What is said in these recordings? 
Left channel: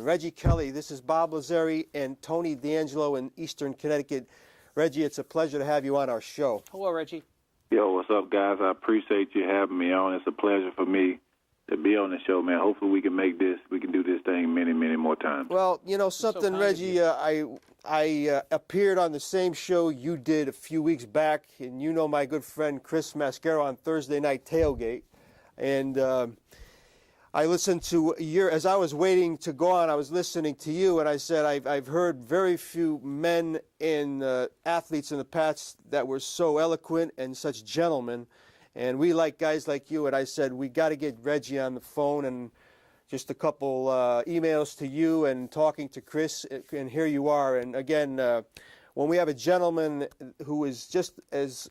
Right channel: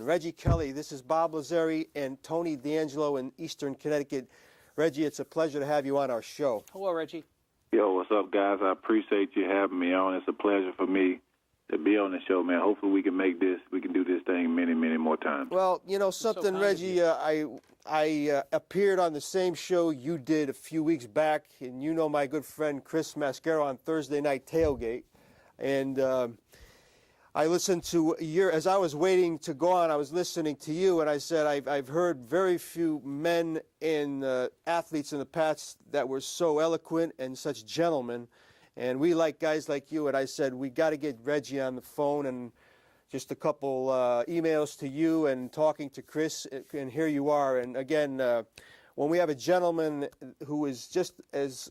Reggie Kelly, this is Bob Lazzari and Tony D'Angelo in Eastern Connecticut. Reggie, it's a pleasure to have you on our show. Hello, Reggie. Yo, what's up, guys? I appreciate you having me on. It's a pleasure for me to be on the show, man. Hopefully we can do this thing many, many more times. Well, you know something, Reggie, I appeared on the same show you did a few weeks back, and you know my good friend Chris Mascaro on Thursday Night Tailgate. And I listened to as I was waiting to go on, I was listening to you, and I said I've heard very few men and athletes in the past that were so eloquent and such gentlemen, and we like guys like you. And I said we got to get Reggie on the phone, and just a couple emails to you and talking to Chris, and here you are. And again, when we have a gentleman who is just as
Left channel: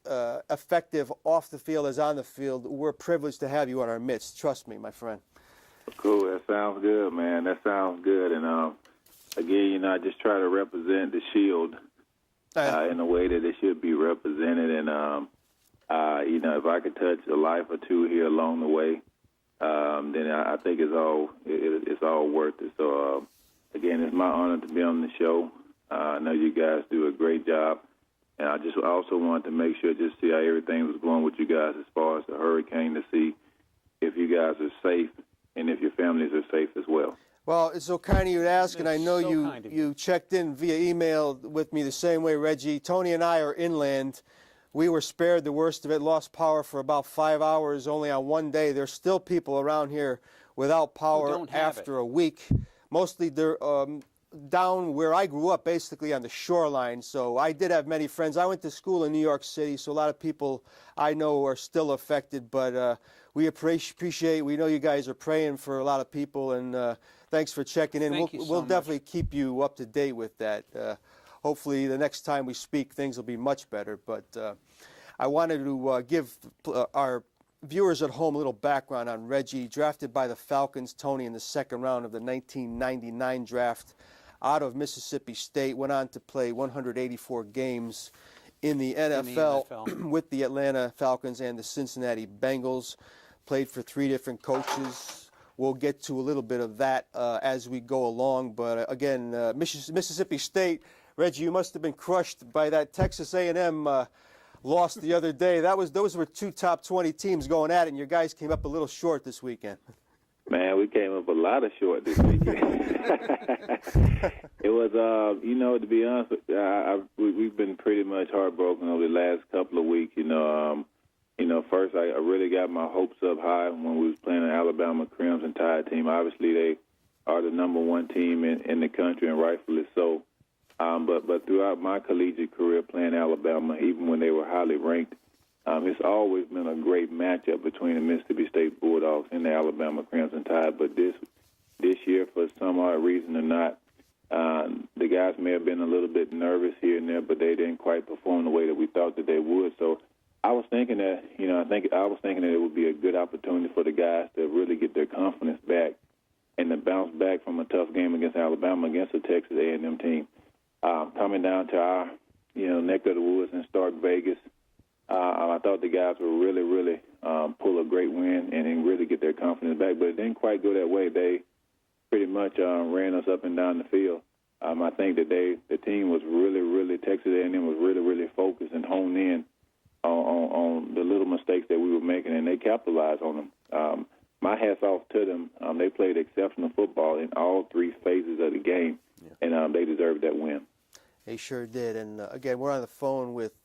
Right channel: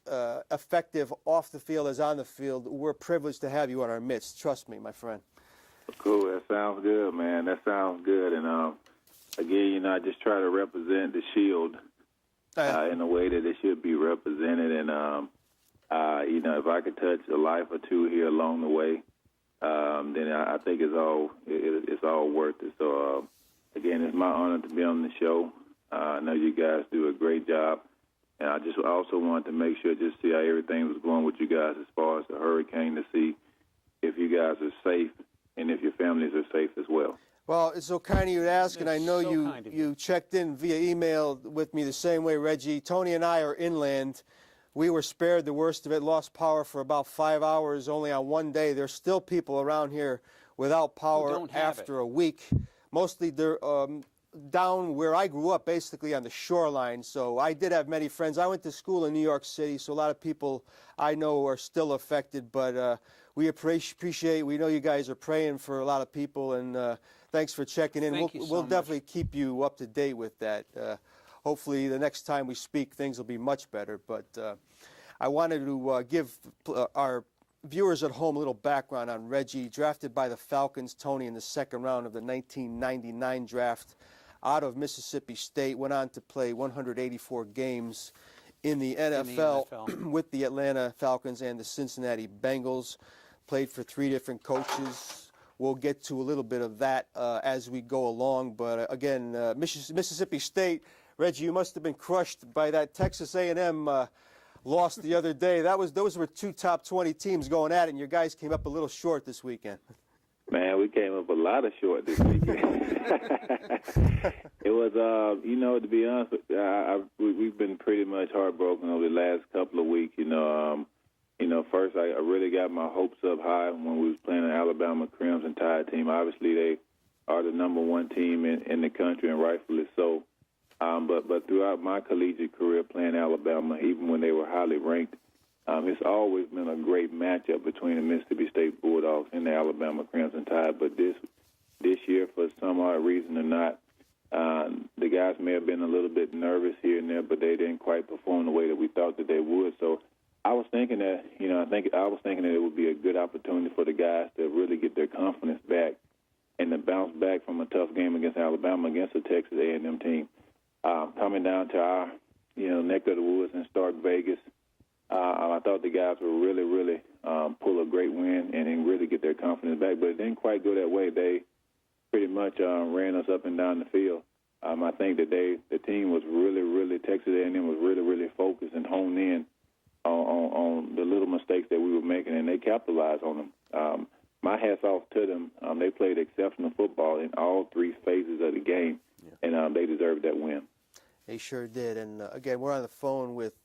effective off the field as on the field, we're privileged to have you in our midst. Trust me, my friend. Cool. That sounds good, man. That sounds good. And again, I just try to represent the Shield in a way that it should be represented. And if I could touch a life or two here along the way, then I think it's all worth it. So again, it's my honor to be on the show. I know you guys do a great job, and I also wanted to make sure just see how everything was going with you guys as far as the hurricane, to see if you guys are safe and if your families are safe as well. Well, it's so kind of you to ask, and I know you checked in via email with me the same way, Reggie. Tony and I are inland. We were spared the worst of it, lost power for about 5 hours only on one day. There's still people around here without power after a week. Mostly they're down where I grew up, basically on the shoreline. So I did have many friends. I went to school in New York City, so a lot of people I know are still affected. But we appreciate, we know you guys are praying for a lot of people, and thanks for checking in. We'll definitely keep you up to date with that. Hopefully the next time we speak, things will be much better. But I wanted to give our viewers at home a little background on Reggie. Drafted by the Falcons, Tony, in the second round of the 1999 draft out of Mississippi State. Went on to play 184 games in the NFL with the Atlanta Falcons and the Cincinnati Bengals. Played for 3 different coaches. We'll get to a little bit of that as we go along. But again, Mississippi State, Reggie, you must have been crushed by that Texas A&M loss the other day. Those were 2 top 20 teams going at it, and your guys came up a little short this weekend. Man, we came up a lot of short this weekend. It was, to be honest, we've been pretty much heartbroken over the last couple of weeks. First I really got my hopes up high when we was playing the Alabama Crimson Tide team. Obviously, they are the number 1 team in the country, and rightfully so. But throughout my collegiate career playing Alabama, even when they were highly ranked, it's always been a great matchup between the Mississippi State Bulldogs and the Alabama Crimson Tide. But this year, for some odd reason or not, the guys may have been a little bit nervous here and there, but they didn't quite perform the way that we thought that they would. So I was thinking that, that it would be a good opportunity for the guys to really get their confidence back and to bounce back from a tough game against Alabama, against the Texas A&M team. Coming down to our, neck of the woods in Stark Vegas, I thought the guys would really, really pull a great win and really get their confidence back, but it didn't quite go that way. They pretty much ran us up and down the field. I think that the team was really, Texas A&M was really, really focused and honed in on the little mistakes that we were making, and they capitalized on them. My hat's off to them. They played exceptional football in all 3 phases of the game, and they deserved that win. They sure did. And again, we're on the phone with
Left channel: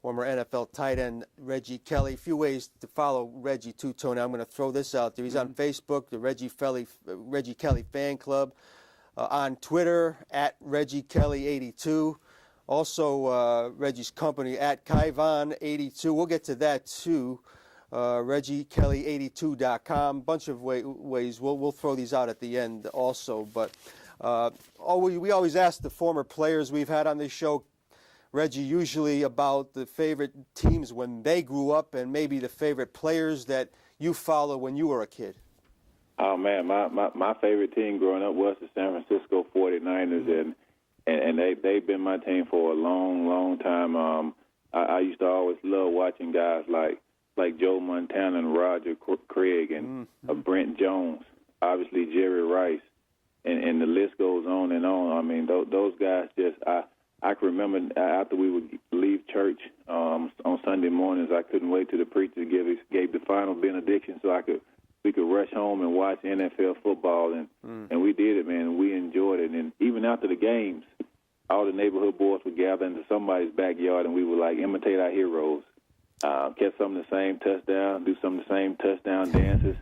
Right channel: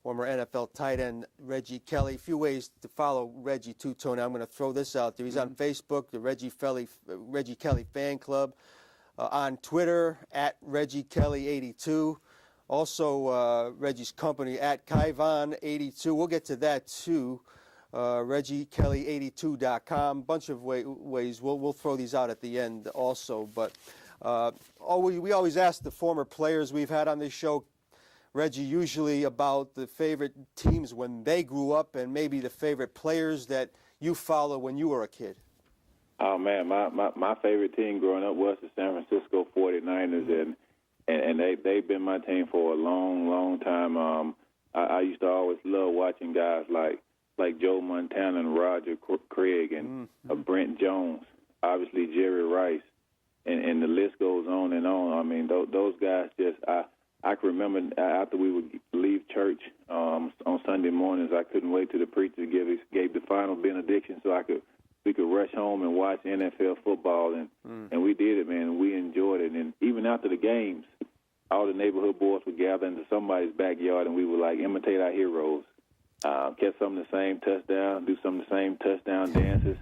former NFL tight end Reggie Kelly. A few ways to follow Reggie too, Tony. I'm going to throw this out there. He's on Facebook, the Reggie Kelly Fan Club. On Twitter, at Reggie Kelly 82. Also, Reggie's company, at Kaivon82. We'll get to that too. ReggieKelly82.com. Bunch of ways. We'll throw these out at the end also. But we always ask the former players we've had on this show, Reggie, usually about the favorite teams when they grew up and maybe the favorite players that you followed when you were a kid. Oh, man, my favorite team growing up was the San Francisco 49ers, and they've been my team for a long, long time. I used to always love watching guys like Joe Montana and Roger Craig and Brent Jones, obviously Jerry Rice, and the list goes on and on. I mean, those guys just I can remember after we would leave church on Sunday mornings, I couldn't wait till the preacher gave the final benediction so we could rush home and watch NFL football, and we did it, man, and we enjoyed it. And even after the games, all the neighborhood boys would gather into somebody's backyard, and we would like imitate our heroes, catch some of the same touchdowns, do some of the same touchdown dances,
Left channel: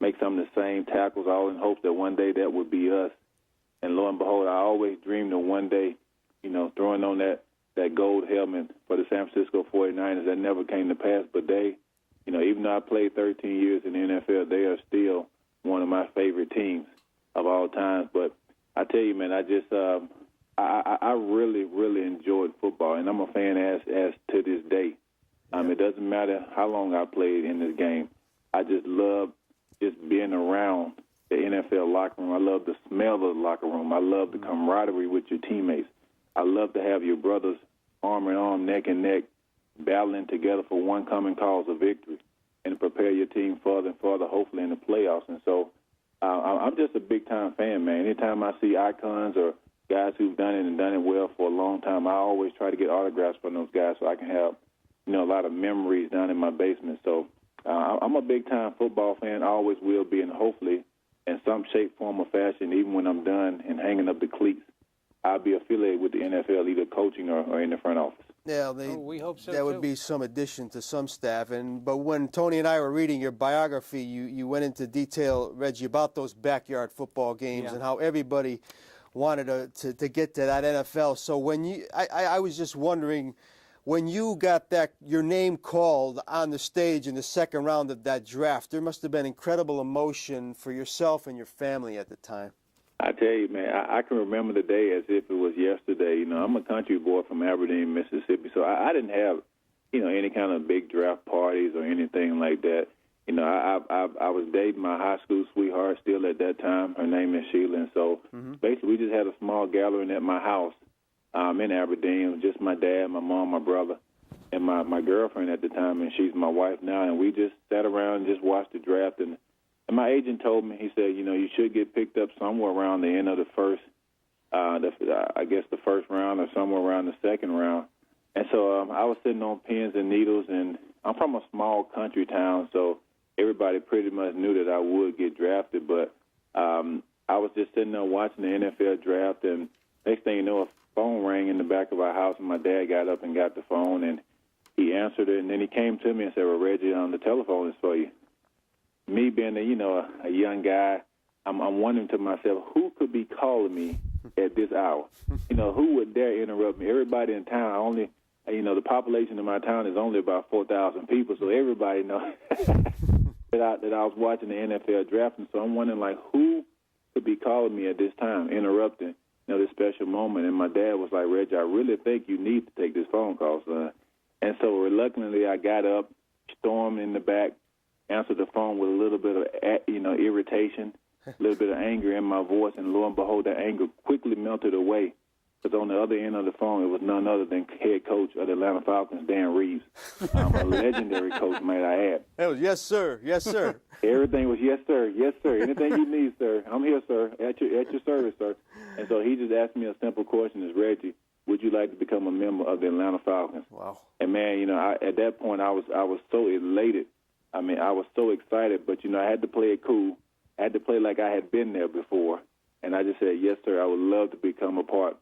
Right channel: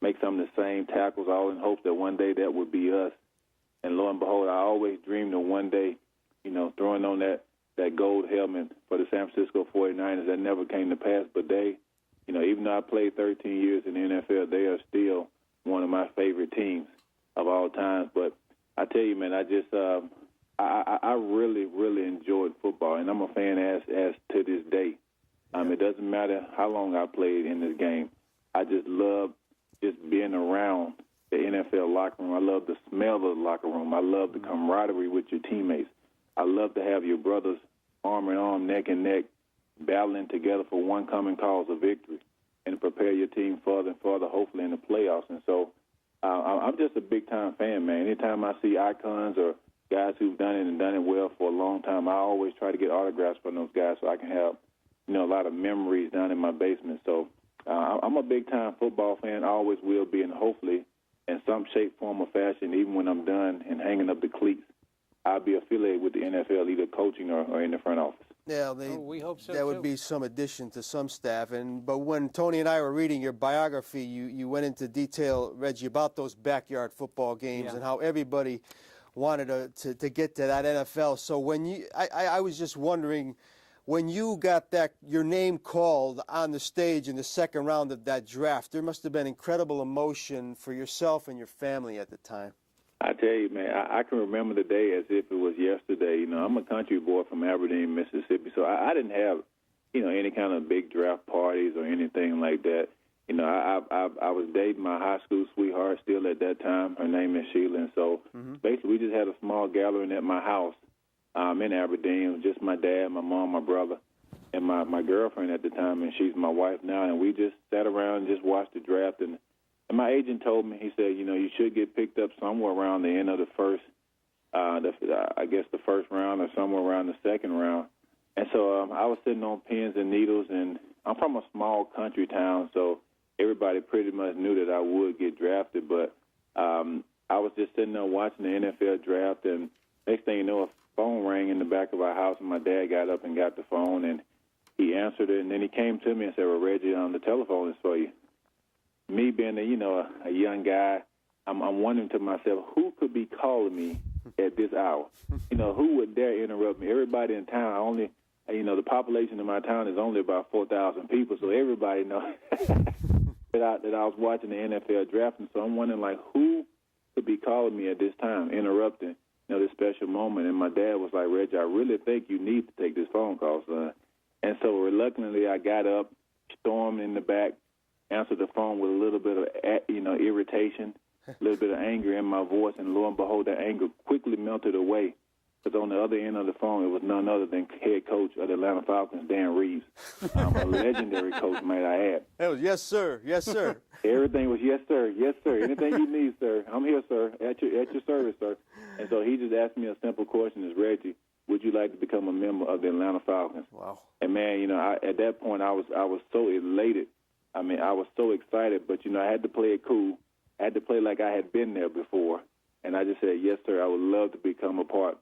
make some of the same tackles, all in hopes that one day that would be us. And lo and behold, I always dreamed of one day, throwing on that gold helmet for the San Francisco 49ers. That never came to pass, but they, even though I played 13 years in the NFL, they are still one of my favorite teams of all time. But I tell you, man, I just I really, really enjoyed football, and I'm a fan as to this day. It doesn't matter how long I played in this game. I just love just being around the NFL locker room. I love the smell of the locker room. I love the camaraderie with your teammates. I love to have your brothers arm in arm, neck and neck, battling together for one common cause of victory and prepare your team further and further, hopefully in the playoffs. And so I'm just a big-time fan, man. Anytime I see icons or guys who've done it and done it well for a long time, I always try to get autographs from those guys so I can have, a lot of memories down in my basement. So I'm a big-time football fan. I always will be, and hopefully in some shape, form, or fashion, even when I'm done and hanging up the cleats, I'll be affiliated with the NFL, either coaching or in the front office. Yeah, we hope so. That would be some addition to some staff. But when Tony and I were reading your biography, you went into detail, Reggie, about those backyard football games and how everybody wanted to get to that NFL. So when I was just wondering, when you got your name called on the stage in the second round of that draft, there must have been incredible emotion for yourself and your family at the time. I tell you, man, I can remember the day as if it was yesterday. I'm a country boy from Aberdeen, Mississippi, so I didn't have, any kind of big draft parties or anything like that. I was dating my high school sweetheart still at that time. Her name is Sheila, and so basically we just had a small gathering at my house in Aberdeen. It was just my dad, my mom, my brother, and my girlfriend at the time, and she's my wife now, and we just sat around and just watched the draft. And my agent told me, he said, you should get picked up somewhere around the end of the first, I guess the first round or somewhere around the second round. And so I was sitting on pins and needles, and I'm from a small country town, so everybody pretty much knew that I would get drafted. But I was just sitting there watching the NFL draft, and next thing you know, a phone rang in the back of our house, and my dad got up and got the phone, and he answered it, and then he came to me and said, well, Reggie, the telephone is for you. Me being a young guy, I'm wondering to myself, who could be calling me at this hour? Who would dare interrupt me? Everybody in town, the population of my town is only about 4,000 people, so everybody knows that I was watching the NFL draft, and so I'm wondering, like, who could be calling me at this time, interrupting, this special moment? And my dad was like, Reggie, I really think you need to take this phone call, son. And so reluctantly, I got up, stormed in the back, answered the phone with a little bit of, irritation, a little bit of anger in my voice, and lo and behold, that anger quickly melted away. Because on the other end of the phone, it was none other than head coach of the Atlanta Falcons, Dan Reeves, a legendary coach, might I add. Oh, yes, sir. Yes, sir. Everything was yes, sir. Yes, sir. Anything you need, sir. I'm here, sir. At your service, sir. And so he just asked me a simple question: "Is Reggie, would you like to become a member of the Atlanta Falcons?" Wow. And man, at that point, I was so elated. I mean, I was so excited, but I had to play it cool. I had to play like I had been there before, and I just said, yes, sir. I would love to become a part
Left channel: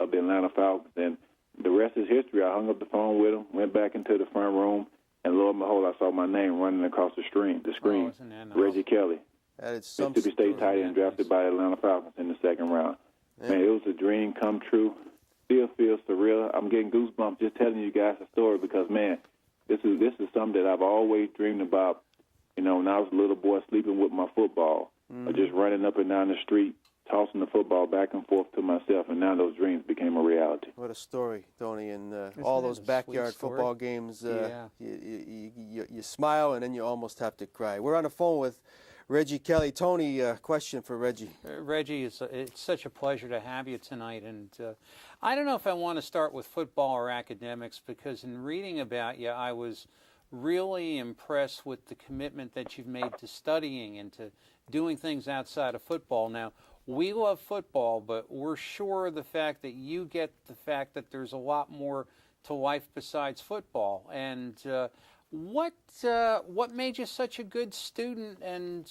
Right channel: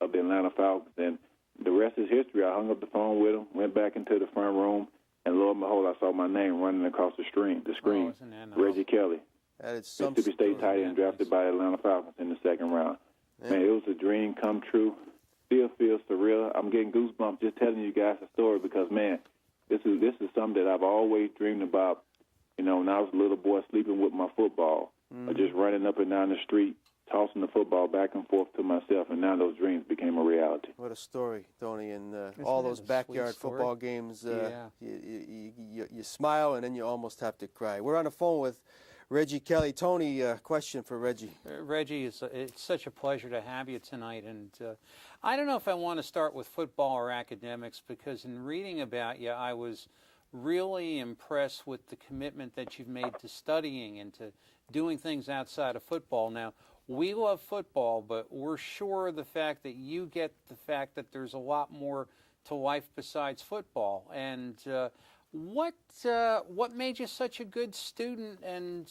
of the Atlanta Falcons. And the rest is history. I hung up the phone with him, went back into the front room, and lo and behold, I saw my name running across the screen. Reggie Kelly, Mississippi State tight end, drafted by the Atlanta Falcons in the second round. Yeah. Man, it was a dream come true. Still feels surreal. I'm getting goosebumps just telling you guys the story because, man, this is something that I've always dreamed about. When I was a little boy sleeping with my football, or just running up and down the street, tossing the football back and forth to myself, and now those dreams became a reality. What a story, Tony, and all those backyard football games, you smile and then you almost have to cry. We're on the phone with Reggie Kelly. Tony, question for Reggie. Reggie, it's such a pleasure to have you tonight, and I don't know if I want to start with football or academics, because in reading about you, I was really impressed with the commitment that you've made to studying and to doing things outside of football. Now, we love football, but we're sure of the fact that you get the fact that there's a lot more to life besides football. And what made you such a good student, and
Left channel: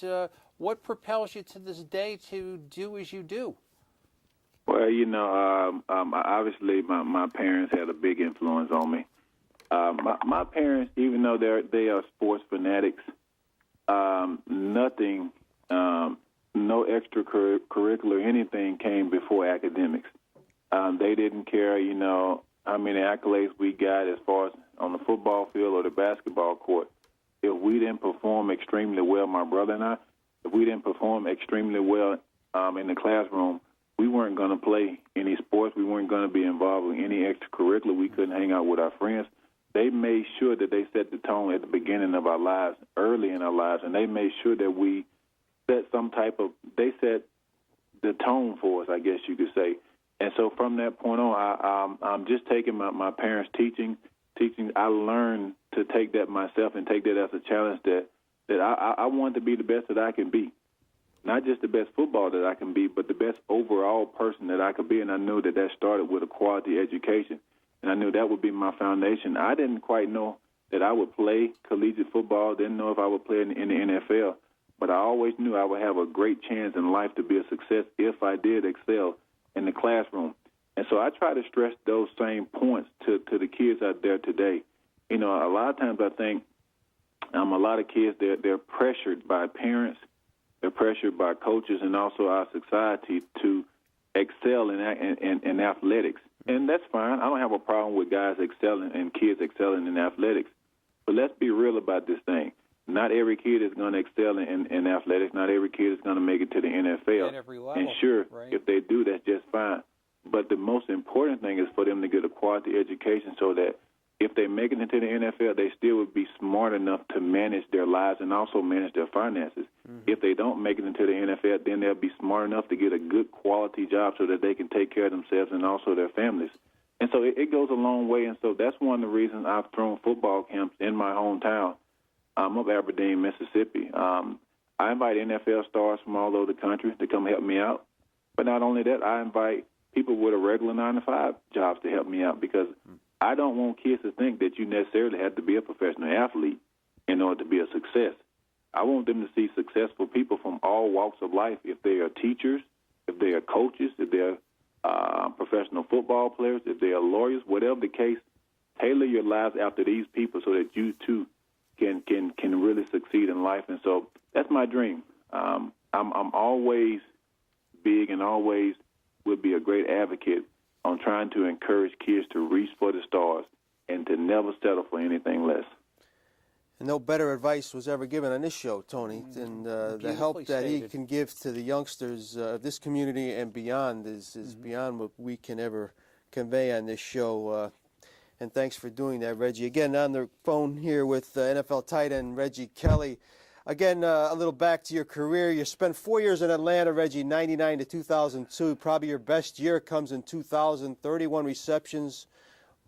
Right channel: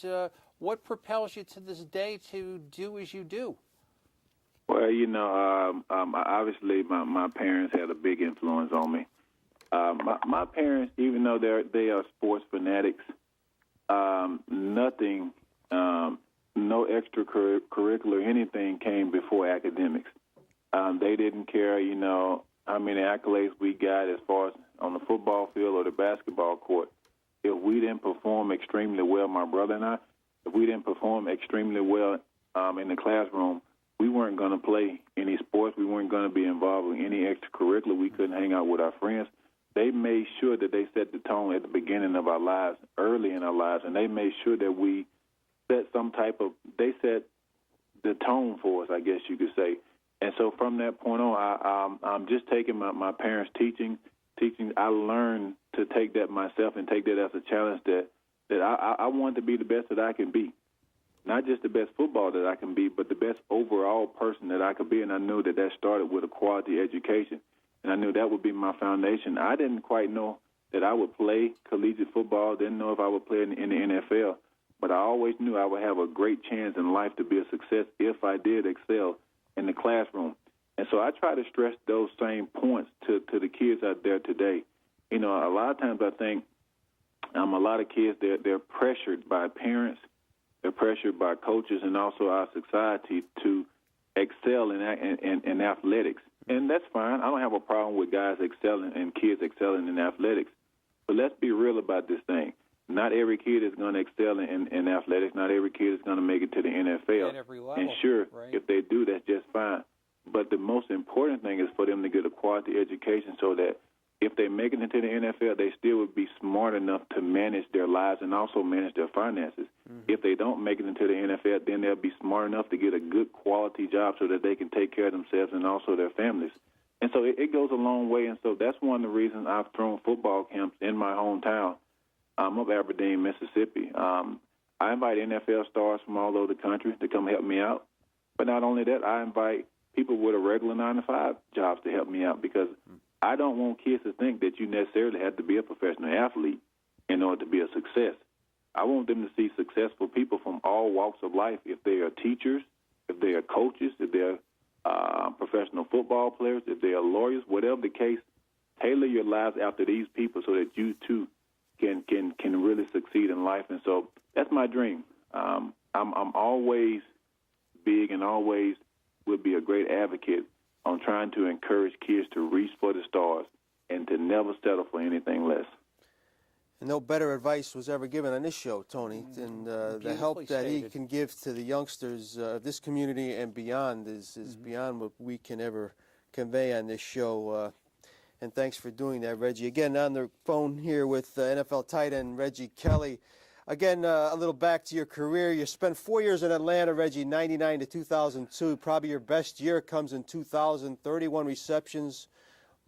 what propels you to this day to do as you do? Well, obviously my parents had a big influence on me. My parents, even though they are sports fanatics, nothing, no extracurricular anything came before academics. They didn't care, how many accolades we got as far as on the football field or the basketball court. If we didn't perform extremely well, my brother and I, if we didn't perform extremely well in the classroom, we weren't going to play any sports. We weren't going to be involved in any extracurricular. We couldn't hang out with our friends. They made sure that they set the tone at the beginning of our lives, early in our lives, and they made sure that we set they set the tone for us, I guess you could say. And so from that point on, I'm just taking my parents' teaching. I learned to take that myself and take that as a challenge that I wanted to be the best that I can be. Not just the best football that I can be, but the best overall person that I could be. And I knew that started with a quality education. And I knew that would be my foundation. I didn't quite know that I would play collegiate football. Didn't know if I would play in the NFL. But I always knew I would have a great chance in life to be a success if I did excel in the classroom. And so I try to stress those same points to the kids out there today. A lot of times I think a lot of kids, they're pressured by parents, they're pressured by coaches, and also our society to excel in athletics. And that's fine. I don't have a problem with guys excelling and kids excelling in athletics. But let's be real about this thing. Not every kid is going to excel in athletics. Not every kid is going to make it to the NFL. At every level, and sure, right? If they do, that's just fine. But the most important thing is for them to get a quality education so that if they make it into the NFL, they still would be smart enough to manage their lives and also manage their finances. Mm-hmm. If they don't make it into the NFL, then they'll be smart enough to get a good quality job so that they can take care of themselves and also their families. And so it goes a long way. And so that's one of the reasons I've thrown football camps in my hometown of Aberdeen, Mississippi. I invite NFL stars from all over the country to come help me out. But not only that, I invite people with a regular 9-to-5 jobs to help me out, because I don't want kids to think that you necessarily have to be a professional athlete in order to be a success. I want them to see successful people from all walks of life. If they are teachers, if they are coaches, if they're professional football players, if they are lawyers, whatever the case, tailor your lives after these people so that you too can really succeed in life. And so that's my dream. I'm always big and always will be a great advocate on trying to encourage kids to reach for the stars and to never settle for anything less. And no better advice was ever given on this show, Tony, than the help that he can give to the youngsters of this community and beyond is beyond what we can ever convey on this show. And thanks for doing that, Reggie. Again, on the phone here with NFL tight end Reggie Kelly. Again, a little back to your career. You spent 4 years in Atlanta, Reggie, 99 to 2002. Probably your best year comes in 2000, 31 receptions,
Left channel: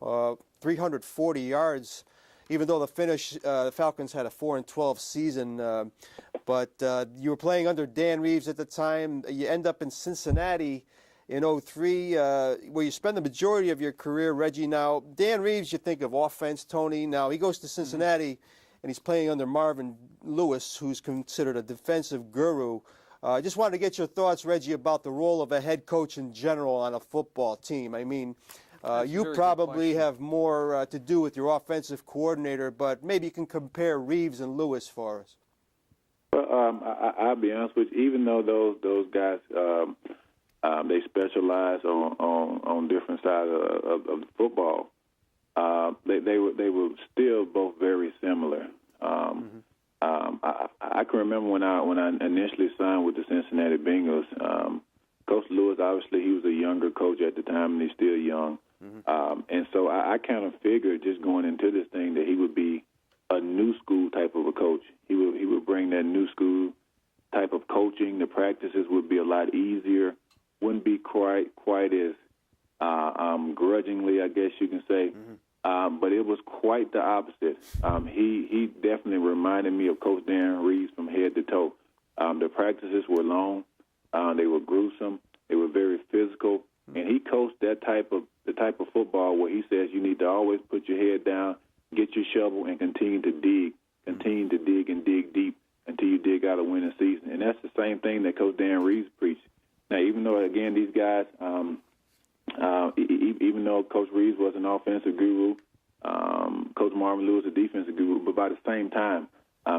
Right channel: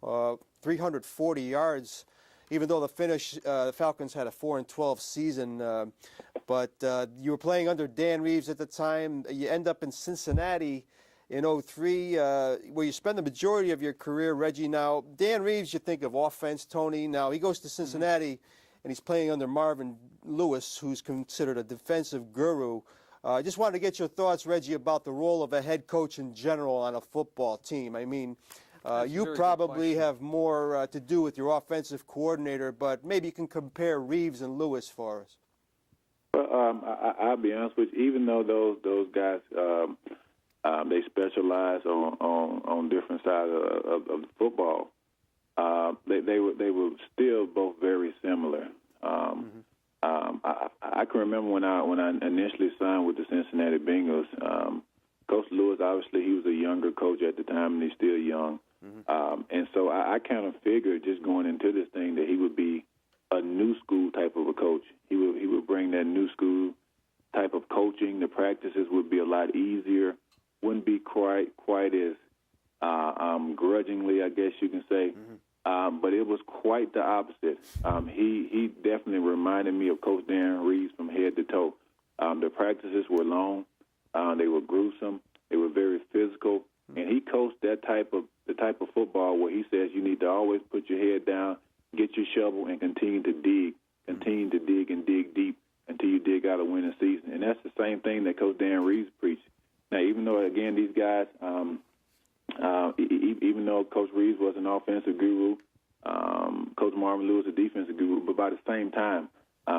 340 yards. Even though the Falcons had a 4-12 season, but you were playing under Dan Reeves at the time. You end up in Cincinnati in 2003, where you spend the majority of your career, Reggie. Now, Dan Reeves, you think of offense, Tony. Now, he goes to Cincinnati, and he's playing under Marvin Lewis, who's considered a defensive guru. I just wanted to get your thoughts, Reggie, about the role of a head coach in general on a football team. I mean, you probably have more to do with your offensive coordinator, but maybe you can compare Reeves and Lewis for us. Well, I'll be honest with you. Even though those guys they specialize on different sides of the football, they were still both very similar. I can remember when I initially signed with the Cincinnati Bengals. Coach Lewis, obviously, he was a younger coach at the time, and he's still young. And so I kind of figured, just going into this thing, that he would be a new school type of a coach. He would bring that new school type of coaching. The practices would be a lot easier. Wouldn't be quite as grudgingly, I guess you can say. But it was quite the opposite. He definitely reminded me of Coach Dan Reeves from head to toe. The practices were long. They were gruesome. They were very physical. And he coached the type of football where he says you need to always put your head down, get your shovel, and continue to dig and dig deep until you dig out a winning season. And that's the same thing that Coach Dan Reeves preached. Now, even though, again, these guys, even though Coach Reeves was an offensive guru, Coach Marvin Lewis a defensive guru, but by the same time,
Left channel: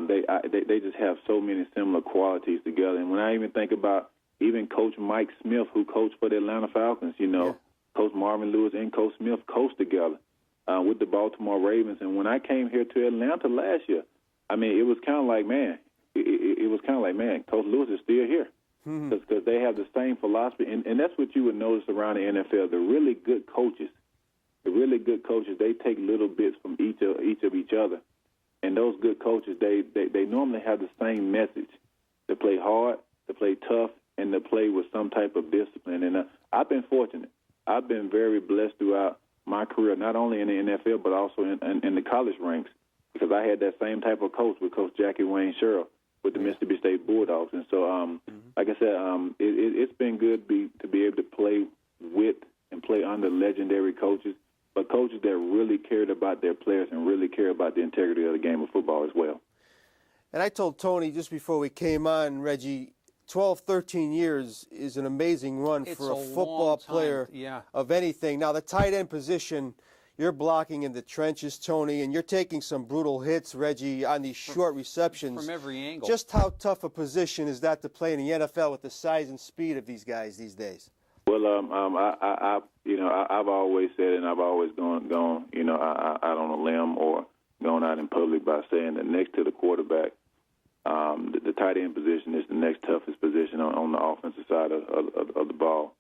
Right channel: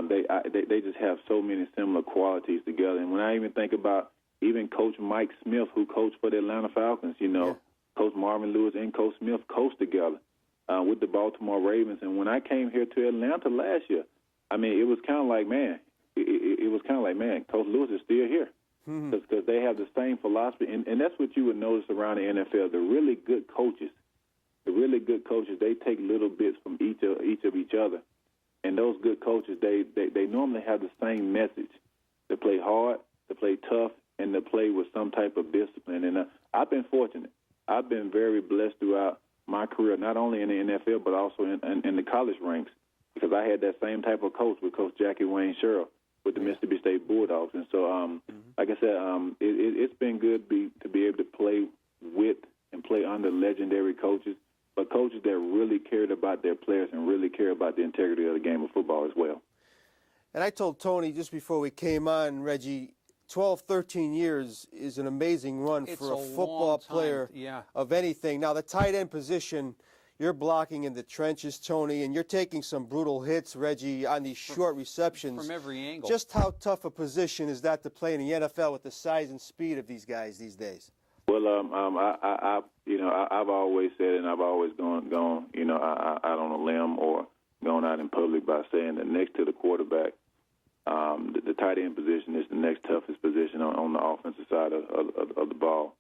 they just have so many similar qualities together. And when I even think about even Coach Mike Smith, who coached for the Atlanta Falcons, Coach Marvin Lewis and Coach Smith coached together with the Baltimore Ravens. And when I came here to Atlanta last year, I mean, it was kind of like, man, Coach Lewis is still here because they have the same philosophy. And that's what you would notice around the NFL. The really good coaches, they take little bits from each of each other. And those good coaches, they normally have the same message: to play hard, to play tough, and to play with some type of discipline. And I've been fortunate. I've been very blessed throughout my career, not only in the NFL but also in the college ranks, because I had that same type of coach with Coach Jackie Wayne Sherrill with the Mississippi State Bulldogs. And so, like I said, it's been good to be able to play with and play under legendary coaches, but coaches that really cared about their players and really care about the integrity of the game of football as well. And I told Tony just before we came on, Reggie, 12, 13 years is an amazing run for a football player of anything. Now, the tight end position, you're blocking in the trenches, Tony, and you're taking some brutal hits, Reggie, on these short receptions. From every angle. Just how tough a position is that to play in the NFL with the size and speed of these guys these days? Well, I've always said, and I've always gone, out on a limb or gone out in public by saying that next to the quarterback, the tight end position is the next toughest position on the offensive side of the ball.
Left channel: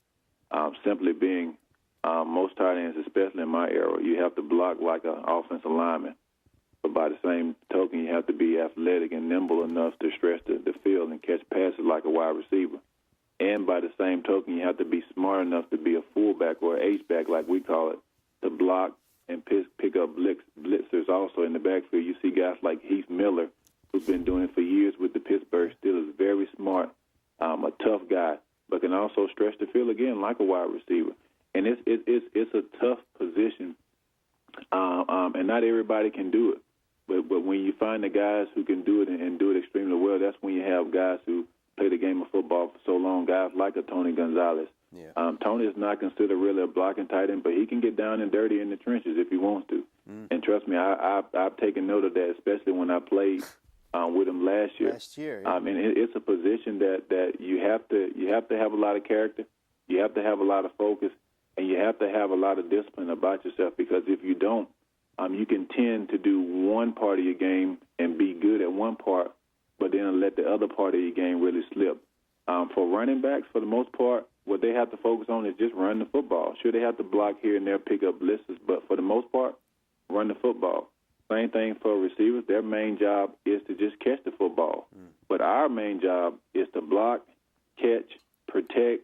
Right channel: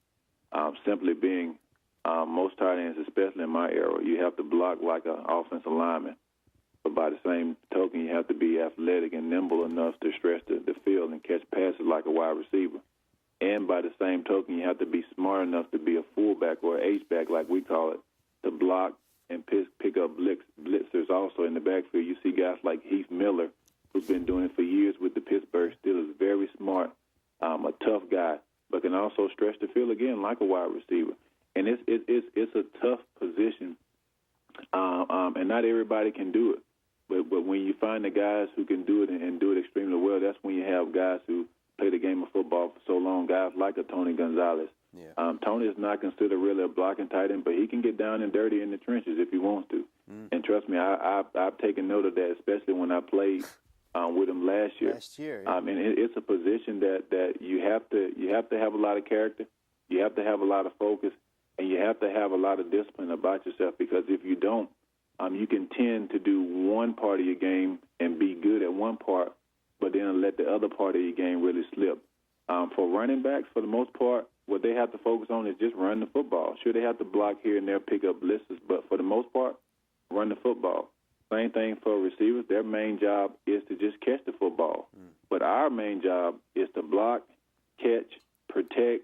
Simply being, most tight ends, especially in my era, you have to block like an offensive lineman. But by the same token, you have to be athletic and nimble enough to stretch the field and catch passes like a wide receiver. And by the same token, you have to be smart enough to be a fullback or an H-back, like we call it, to block and pick up blitzers also in the backfield. You see guys like Heath Miller, who's been doing it for years with the Pittsburgh Steelers, very smart, a tough guy, but can also stretch the field again like a wide receiver. And it's a tough position, and not everybody can do it. But when you find the guys who can do it and do it extremely well, that's when you have guys who play the game of football for so long, guys like a Tony Gonzalez. Yeah. Tony is not considered really a blocking tight end, but he can get down and dirty in the trenches if he wants to. And trust me, I've taken note of that, especially when I played with him last year. Yeah. And it's a position that you have to have a lot of character, you have to have a lot of focus, and you have to have a lot of discipline about yourself, because if you don't, you can tend to do one part of your game and be good at one part, but then let the other part of your game really slip. For running backs, for the most part, what they have to focus on is just run the football. Sure, they have to block here and there, pick up blitzes, but for the most part, run the football. Same thing for receivers. Their main job is to just catch the football. But our main job is to block, catch, protect,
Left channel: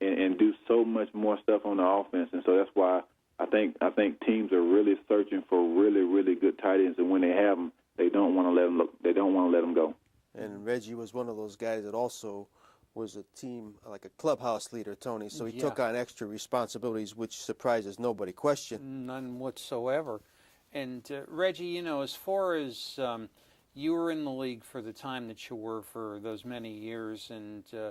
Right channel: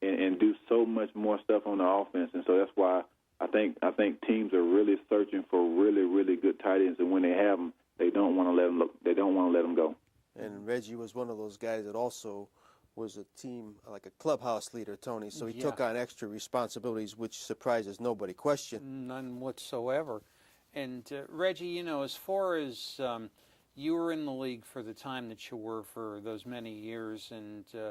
and do so much more stuff on the offense. And so that's why I think teams are really searching for really, really good tight ends, and when they have them, they don't want to let them look. They don't want to let them go. And Reggie was one of those guys that also was a team, like a clubhouse leader, Tony. So he took on extra responsibilities, which surprises nobody. Question? None whatsoever. And Reggie, as far as you were in the league for the time that you were for those many years, and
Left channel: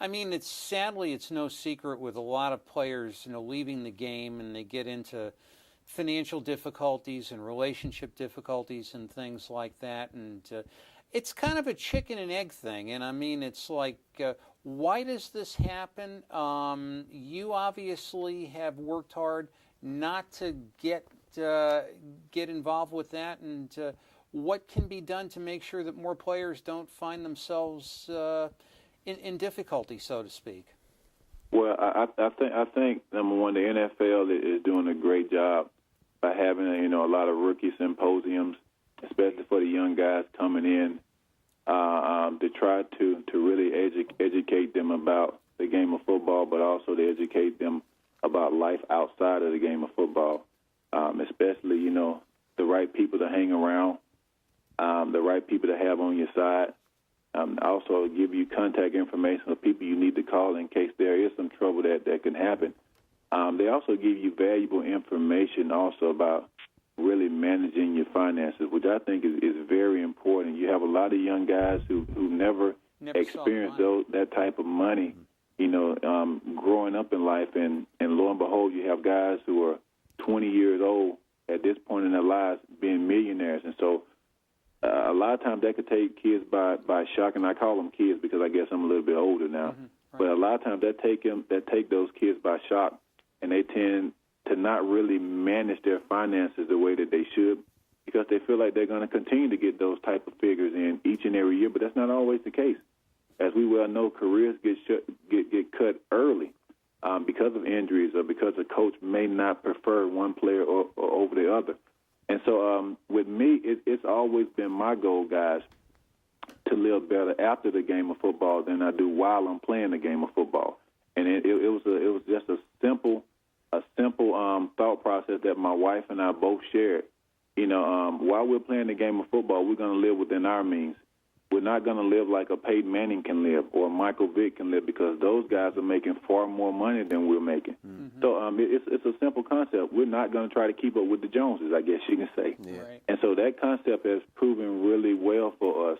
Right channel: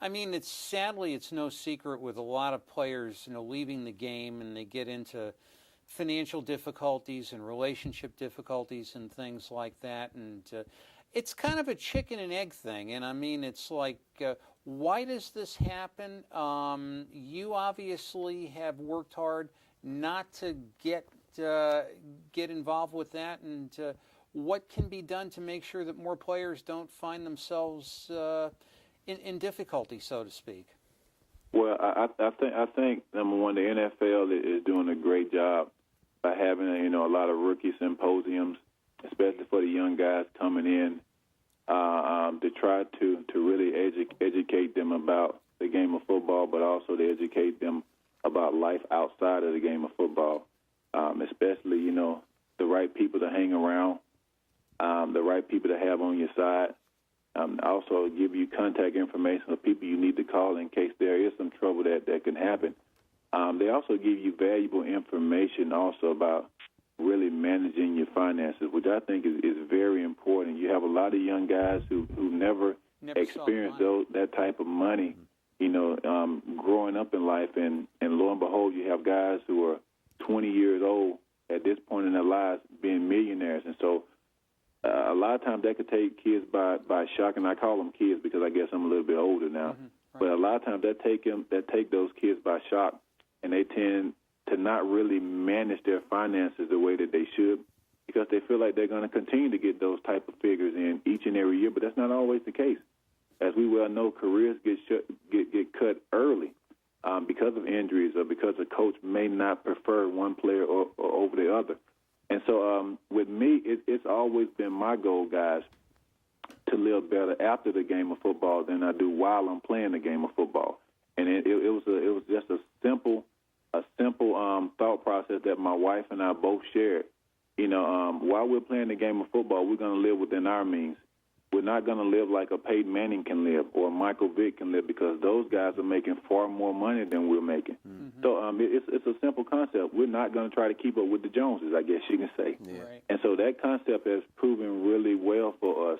I mean, it's no secret with a lot of players, leaving the game, and they get into financial difficulties and relationship difficulties and things like that, and it's kind of a chicken and egg thing. And I mean, it's like, why does this happen? You obviously have worked hard not to get involved with that, and what can be done to make sure that more players don't find themselves in difficulty, so to speak? Well, I think number one, the NFL is doing a great job by having a lot of rookie symposiums, especially for the young guys coming in, to try to really educate them about the game of football, but also to educate them about life outside of the game of football, especially the right people to hang around, the right people to have on your side, Also give you contact information of people you need to call in case there is some trouble that can happen. They also give you valuable information also about really managing your finances, which I think is very important. You have a lot of young guys who never experienced that type of money, growing up in life. And lo and behold, you have guys who are 20 years old at this point in their lives being millionaires. And so a lot of times that could take kids by shock, and I call them kids because I guess I'm a little bit older now. Mm-hmm. Right. But a lot of times that take those kids by shock, and they tend to not really manage their finances the way that they should because they feel like they're going to continue to get those type of figures in each and every year, but that's not always the case. As we well know, careers get cut early because of injuries or because a coach may not prefer one player or over the other. And so with me, it's always been my goal, guys, to live better after the game of football than I do while I'm playing the game of football. And it was just a simple thought process that my wife and I both shared. While we're playing the game of football, we're going to live within our means. We're not going to live like a Peyton Manning can live or Michael Vick can live because those guys are making far more money than we're making. Mm-hmm. So it's a simple concept. We're not going to try to keep up with the Joneses, I guess you can say. Yeah. Right. And so that concept has proven really well for us.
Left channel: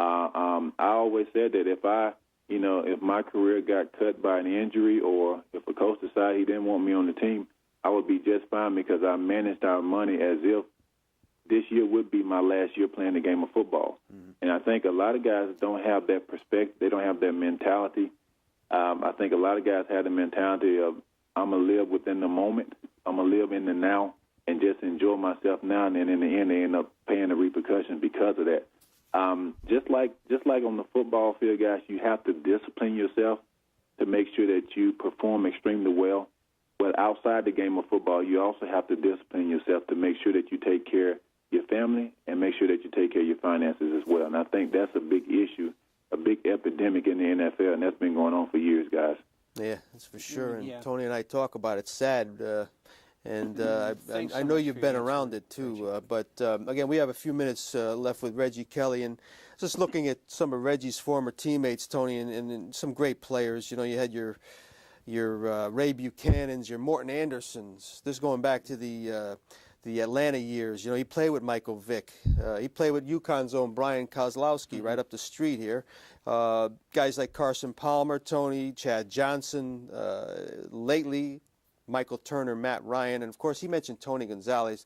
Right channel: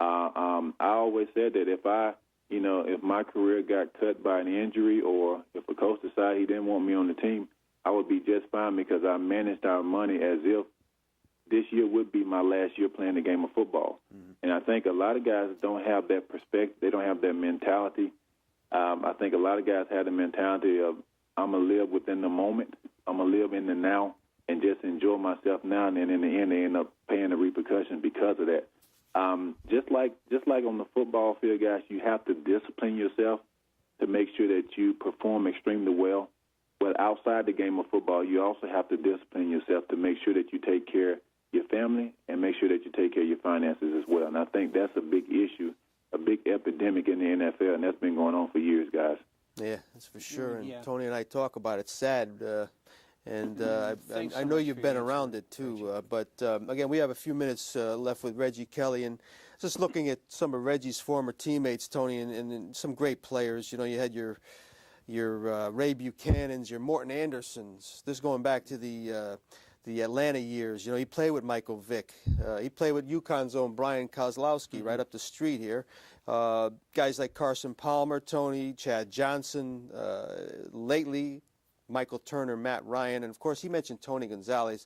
I always said that if my career got cut by an injury or if a coach decided he didn't want me on the team, I would be just fine because I managed our money as if this year would be my last year playing the game of football. Mm-hmm. And I think a lot of guys don't have that perspective. They don't have that mentality. I think a lot of guys have the mentality of, I'm going to live within the moment. I'm going to live in the now and just enjoy myself now. And then in the end, they end up paying the repercussions because of that. Just like on the football field, guys, you have to discipline yourself to make sure that you perform extremely well. But outside the game of football, you also have to discipline yourself to make sure that you take care of your family and make sure that you take care of your finances as well. And I think that's a big issue, a big epidemic in the NFL, and that's been going on for years, guys. Yeah, that's for sure. And Yeah. Tony and I talk about it. It's sad. I know you've been around it too. But again, we have a few minutes left with Reggie Kelly, and just looking at some of Reggie's former teammates, Tony, and some great players. You had your Ray Buchanans, your Morton Andersons. This going back to the Atlanta years. He played with Michael Vick. He played with UConn's own Brian Kozlowski right up the street here. Guys like Carson Palmer, Tony, Chad Johnson, lately Michael Turner, Matt Ryan, and of course he mentioned Tony Gonzalez.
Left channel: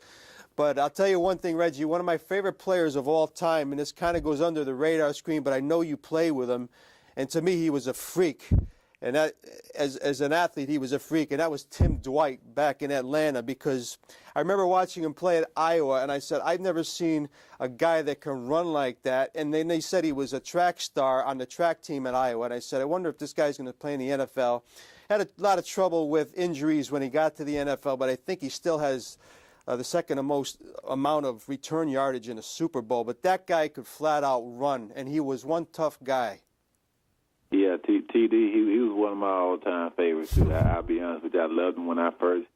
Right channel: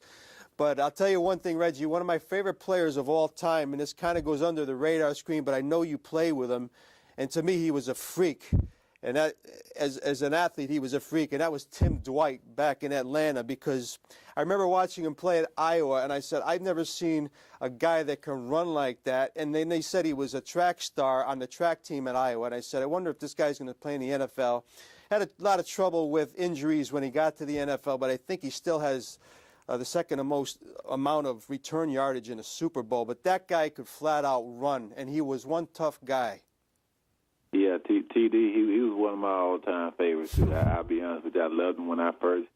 But I'll tell you one thing, Reggie, one of my favorite players of all time, and this kind of goes under the radar screen, but I know you play with him, and to me he was a freak. And that, as an athlete, he was a freak, and that was Tim Dwight back in Atlanta, because I remember watching him play at Iowa, and I said, I've never seen a guy that can run like that. And then they said he was a track star on the track team at Iowa, and I said, I wonder if this guy's going to play in the NFL. Had a lot of trouble with injuries when he got to the NFL, but I think he still has the second most amount of return yardage in a Super Bowl. But that guy could flat out run, and he was one tough guy. Yeah, TD, he was one of my all-time favorites. I'll be honest with you. I loved him when I first,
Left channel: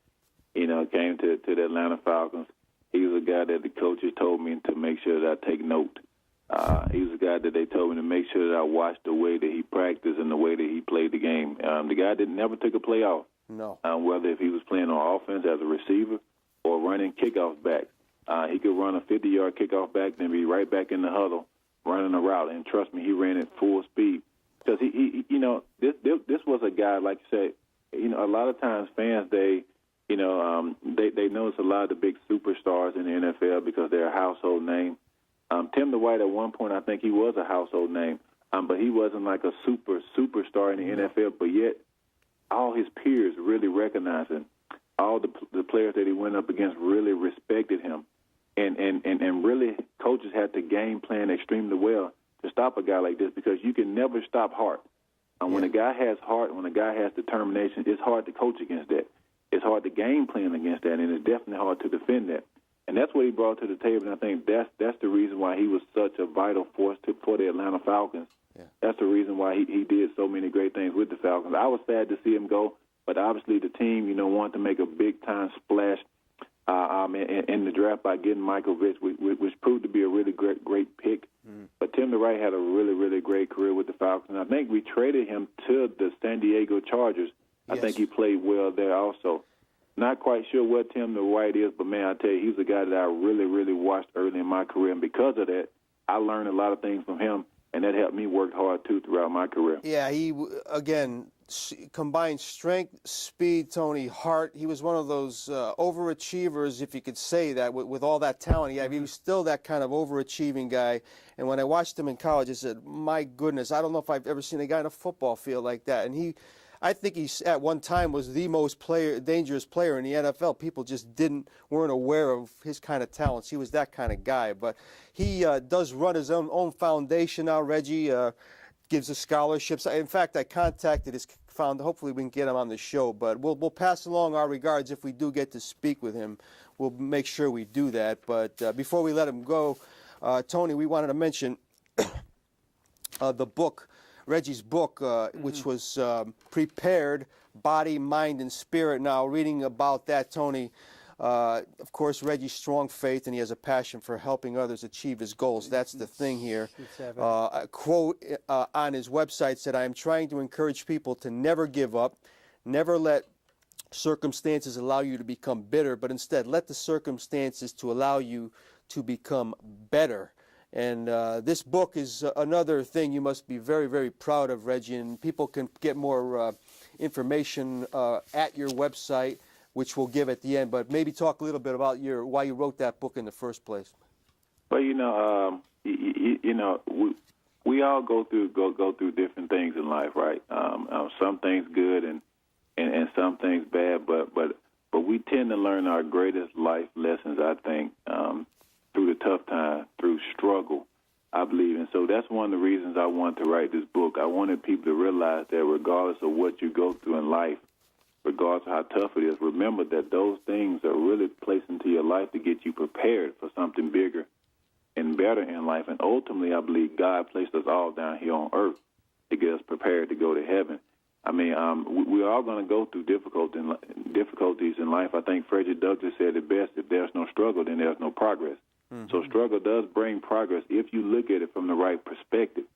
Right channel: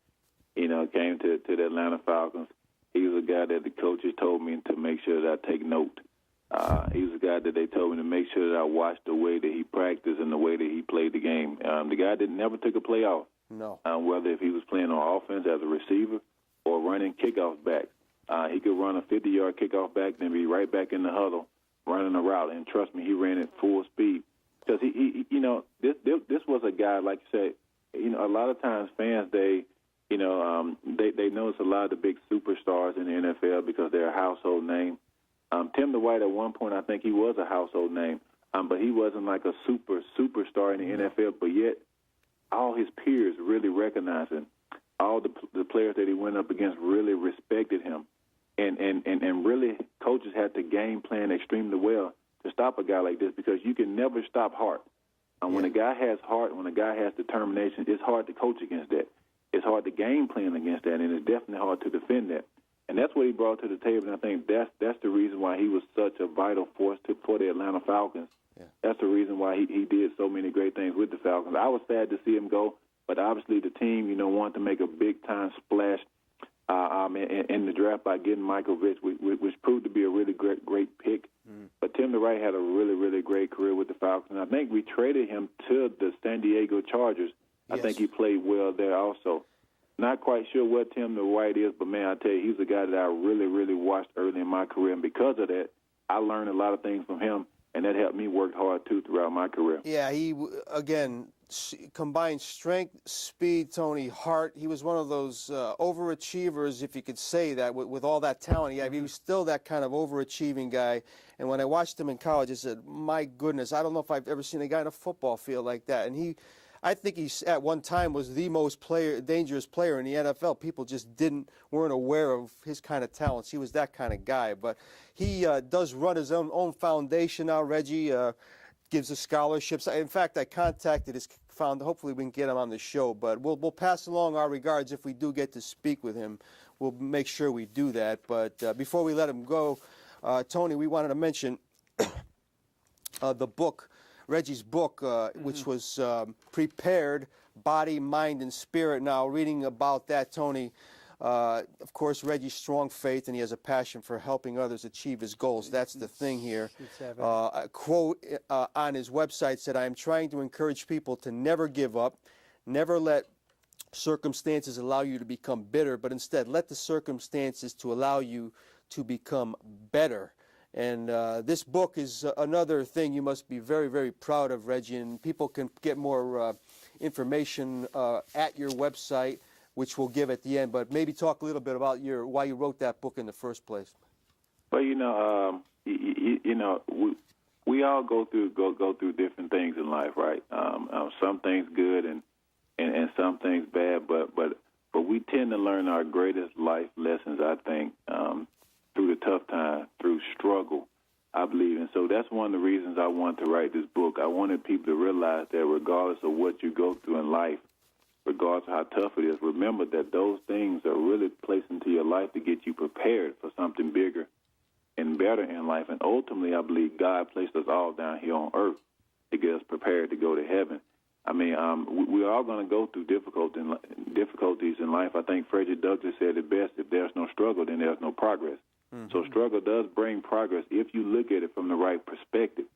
came to the Atlanta Falcons. He was a guy that the coaches told me to make sure that I take note. He was a guy that they told me to make sure that I watched the way that he practiced and the way that he played the game. The guy that never took a play off. No. Whether if he was playing on offense as a receiver or running kickoff back. He could run a 50-yard kickoff back, then be right back in the huddle running a route. And trust me, he ran at full speed. Because this was a guy, like you said, a lot of times fans, they notice a lot of the big superstars in the NFL because they're a household name. Tim Dwight, at one point, I think he was a household name, but he wasn't like a superstar in the NFL. But yet, all his peers really recognized him. All the players that he went up against really respected him, and really coaches had to game plan extremely well to stop a guy like this, because you can never stop heart. When a guy has heart, when a guy has determination, it's hard to coach against that. It's hard to game plan against that, and it's definitely hard to defend that. And that's what he brought to the table, and I think that's the reason why he was such a vital force for the Atlanta Falcons. Yeah. That's the reason why he did so many great things with the Falcons. I was sad to see him go, but obviously the team, wanted to make a big-time splash in the draft by getting Michael Vick, which proved to be a really great pick. But Tim DeWright had a really, really great career with the Falcons. I think we traded him to the San Diego Chargers. Yes. I think he played well there also. Not quite sure what Tim DeWright is, but, man, I tell you, he's a guy that I really, really watched early in my career. And because of that, I learned a lot of things from him, and that helped me work hard, too, throughout my career. Yeah, he, again, combined strength, speed, Tony, heart. He was one of those overachievers, if you could say that, with all that talent he had. He was still that kind of overachieving guy. And when I watched him in college, I said, my goodness, I don't know if I've ever seen a guy in a football field like that. And I think he at one time was the most dangerous player in the NFL. People just weren't aware of his kind of talents. He was that kind of guy. But he does run his own foundation now, Reggie. Gives us scholarships. In fact, I contacted his founder. Hopefully we can get him on the show. But we'll pass along our regards if we do get to speak with him. We'll make sure we do that. But before we let him go, Tony, we wanted to mention the book, Reggie's book, which was Prepared, Body, Mind, and Spirit. Now, reading about that, Tony, of course, Reggie's strong faith, and he has a passion for helping others achieve his goals. That's the thing here. A quote on his website said, "I am trying to encourage people to never give up, never let circumstances allow you to become bitter, but instead let the circumstances to allow you to become better." And this book is another thing you must be very, very proud of, Reggie. And people can get more information at your website, which we'll give at the end. But maybe talk a little bit about why you wrote that book in the first place. Well, we all go through different things in life, right? Some things good and some things bad, but we tend to learn our greatest life lessons, I think, through the tough time, through struggle, I believe. And so that's one of the reasons I wanted to write this book. I wanted people to realize that regardless of what you go through in life, regardless of how tough it is, remember that those things are really placed into your life to get you prepared for something bigger and better in life. And ultimately, I believe God placed us all down here on earth to get us prepared to go to heaven. I mean, we're all going to go through difficulties in life. I think Reggie Douglas said it best: if there's no struggle, then there's no progress. Mm-hmm. So struggle does bring progress if you look at it from the right perspective.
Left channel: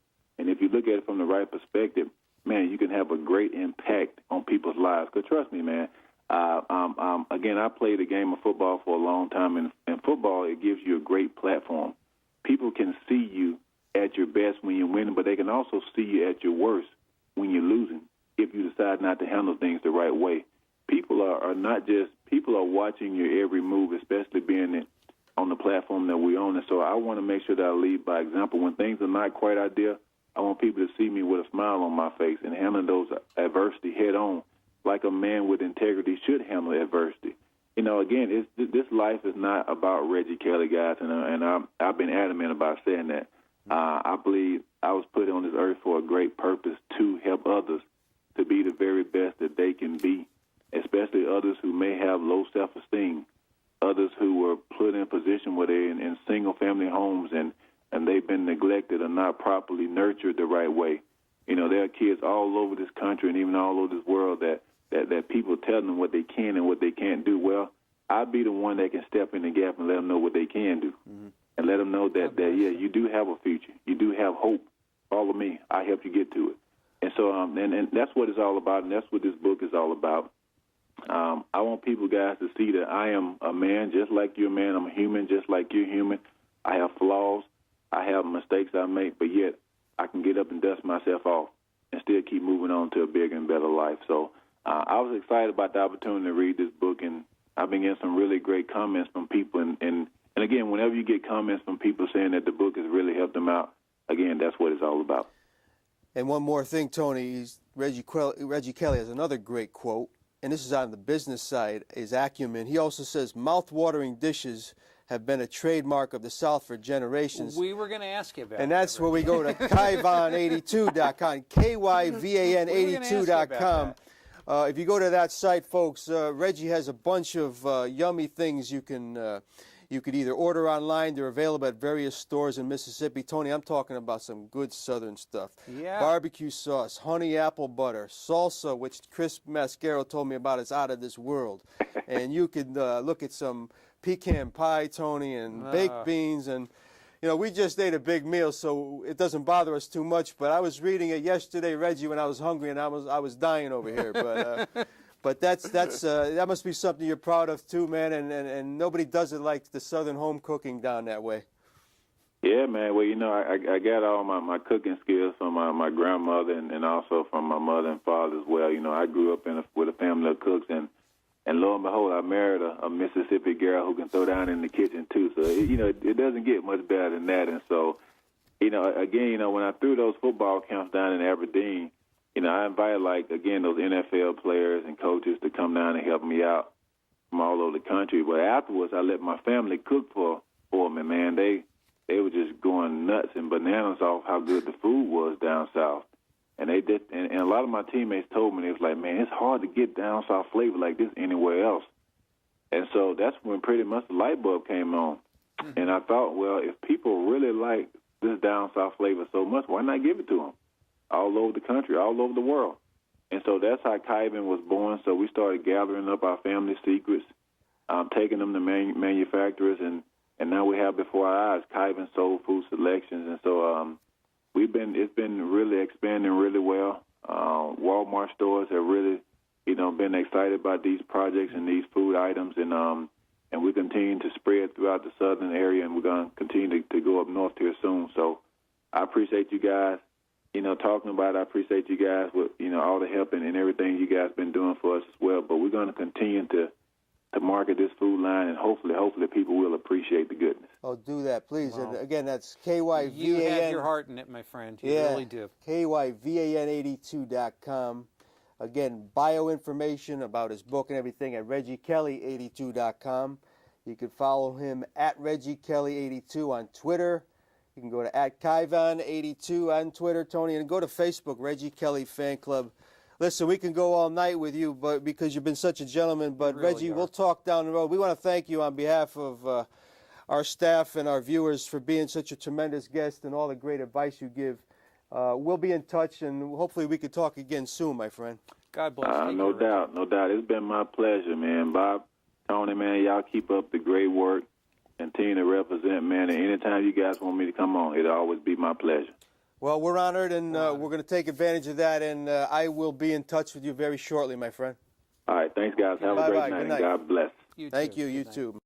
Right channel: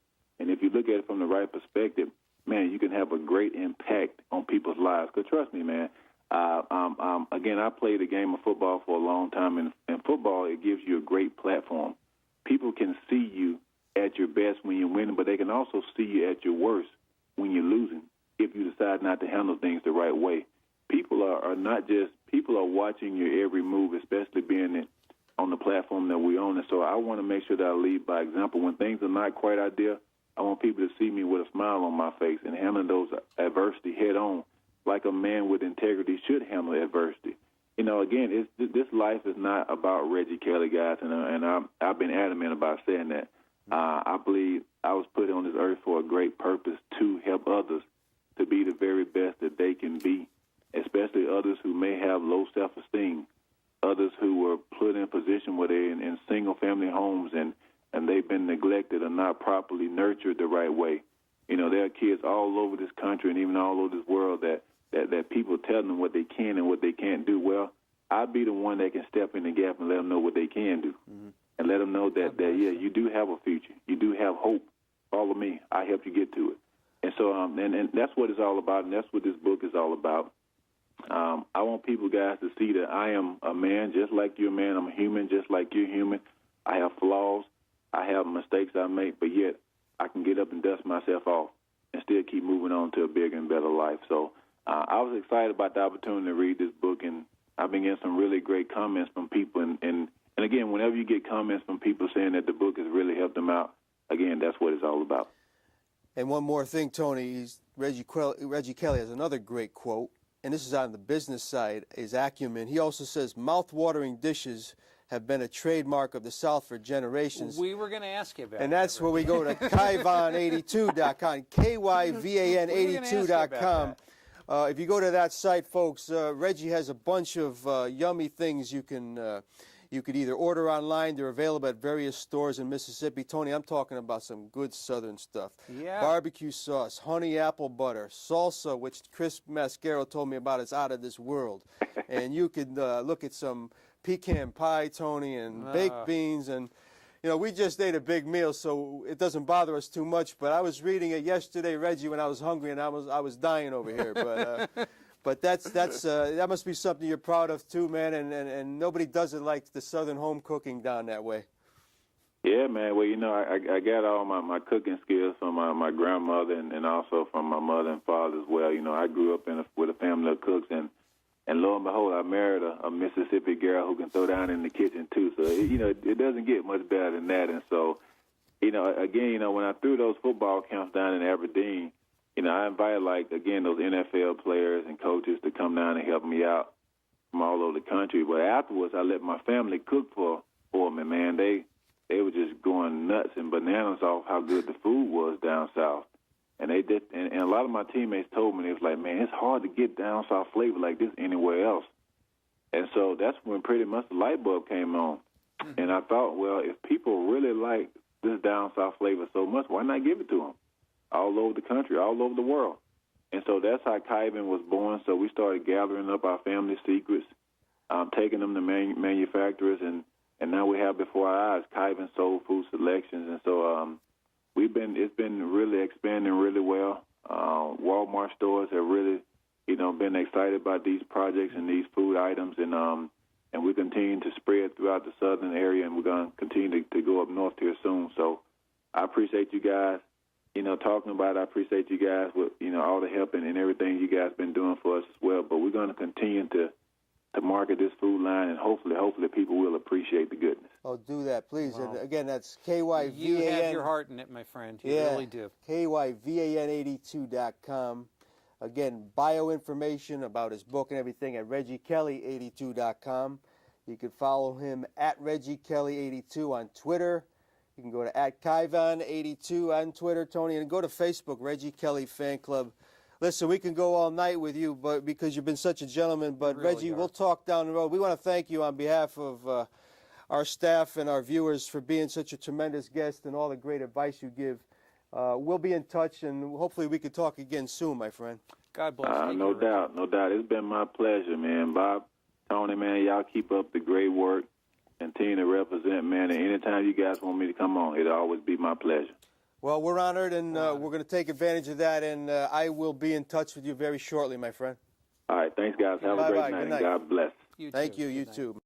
And if you look at it from the right perspective, man, you can have a great impact on people's lives. Because trust me, man, again, I played the game of football for a long time. And in football, it gives you a great platform. People can see you at your best when you're winning, but they can also see you at your worst when you're losing if you decide not to handle things the right way. People are watching your every move, especially being on the platform that we're on. And so I want to make sure that I lead by example. When things are not quite ideal, I want people to see me with a smile on my face and handle those adversity head on, like a man with integrity should handle adversity. You know, again, this life is not about Reggie Kelly, guys, and I've been adamant about saying that. I believe I was put on this earth for a great purpose to help others to be the very best that they can be, especially others who may have low self-esteem, others who were put in a position where they're in single-family homes and they've been neglected or not properly nurtured the right way. You know, there are kids all over this country and even all over this world that people tell them what they can and what they can't do. Well, I'll be the one that can step in the gap and let them know what they can do. Mm-hmm. And let them know that, yeah, you do have a future. You do have hope. Follow me. I help you get to it. And so, and that's what it's all about, and that's what this book is all about. I want people, guys, to see that I am a man just like you're a man. I'm a human just like you're human. I have flaws. I have mistakes I make, but yet I can get up and dust myself off and still keep moving on to a bigger and better life. So I was excited about the opportunity to read this book, and I've been getting some really great comments from people. And again, whenever you get comments from people saying that the book has really helped them out, again, that's what it's all about. And one more thing, Tony, Reggie Kelly has another great quote, and this is on the business side, his acumen. He also says, "Mouth-watering dishes have been a trademark of the South for generations." We were going to ask you about that. And that's where we go to Kyvan82.com, KYVAN82.com. If you go to that site, folks, Reggie has a bunch of yummy things you could either order online. They're available at various stores in Mississippi. Tony, I'm talking about some good Southern stuff. Yeah. Barbecue sauce, honey apple butter, salsa, which Chris Mascaro told me about is out of this world. And you could look at some pecan pie, Tony, and baked beans. And you know, we just ate a big meal, so it doesn't bother us too much. But I was reading it yesterday, Reggie, when I was hungry, and I was dying over here. But that must be something you're proud of too, man. And nobody does it like the Southern home cooking down that way. Yeah, man. Well, you know, I got all my cooking skills from my grandmother and also from my mother and father as well. You know, I grew up with a family of cooks, and lo and behold, I married a Mississippi girl who can throw down in the kitchen too. So, you know, it doesn't get much better than that. And so, you know, again, you know, when I threw those football camps down in Aberdeen, you know, I invited, like, again, those NFL players and coaches to come down and help me out from all over the country. But afterwards, I let my family cook for me, man. They were just going nuts and bananas off how good the food was down south. And they did, and a lot of my teammates told me, they was like, man, it's hard to get down south flavor like this anywhere else. And so that's when pretty much the light bulb came on. And I thought, well, if people really like this down south flavor so much, why not give it to them all over the country, all over the world? And so that's how Kaiven was born. So we started gathering up our family secrets, taking them to manufacturers, and now we have before our eyes Kaiven Soul Food Selections. And so it's been really expanding really well. Walmart stores have really, you know, been excited about these projects and these food items, and we're continuing to spread throughout the southern area, and we're going to continue to go up north here soon. So I appreciate you guys, you know, talking about it. I appreciate you guys with, you know, all the help and everything you guys been doing for us as well. But we're going to continue to market this food line, and hopefully people will appreciate the goodness. Oh, do that, please. And again, that's KYVAN. You have your heart in it, my friend. You really do. KYVAN82.com. Again, bio information about his book and everything at ReggieKelly82.com. You can follow him at ReggieKelly82 on Twitter. You can go to @Kaivan82 on Twitter, Tony, and go to Facebook, Reggie Kelly Fan Club. Listen, we can go all night with you, but because you've been such a gentleman. But Really Reggie, are. we'll talk down the road. We want to thank you on behalf of our staff and our viewers for being such a tremendous guest and all the great advice you give. We'll be in touch, and hopefully we can talk again soon, my friend. God bless you. No doubt, no doubt. It's been my pleasure, man. Bob, Tony, man, y'all keep up the great work. Continue to represent, man. And anytime you guys want me to come on, it'll always be my pleasure. Well, we're honored, and we're going to take advantage of that, and I will be in touch with you very shortly, my friend. All right, thanks, guys. Have a Bye-bye. great Good night. night. God bless. You Thank too. you. You Good night. too.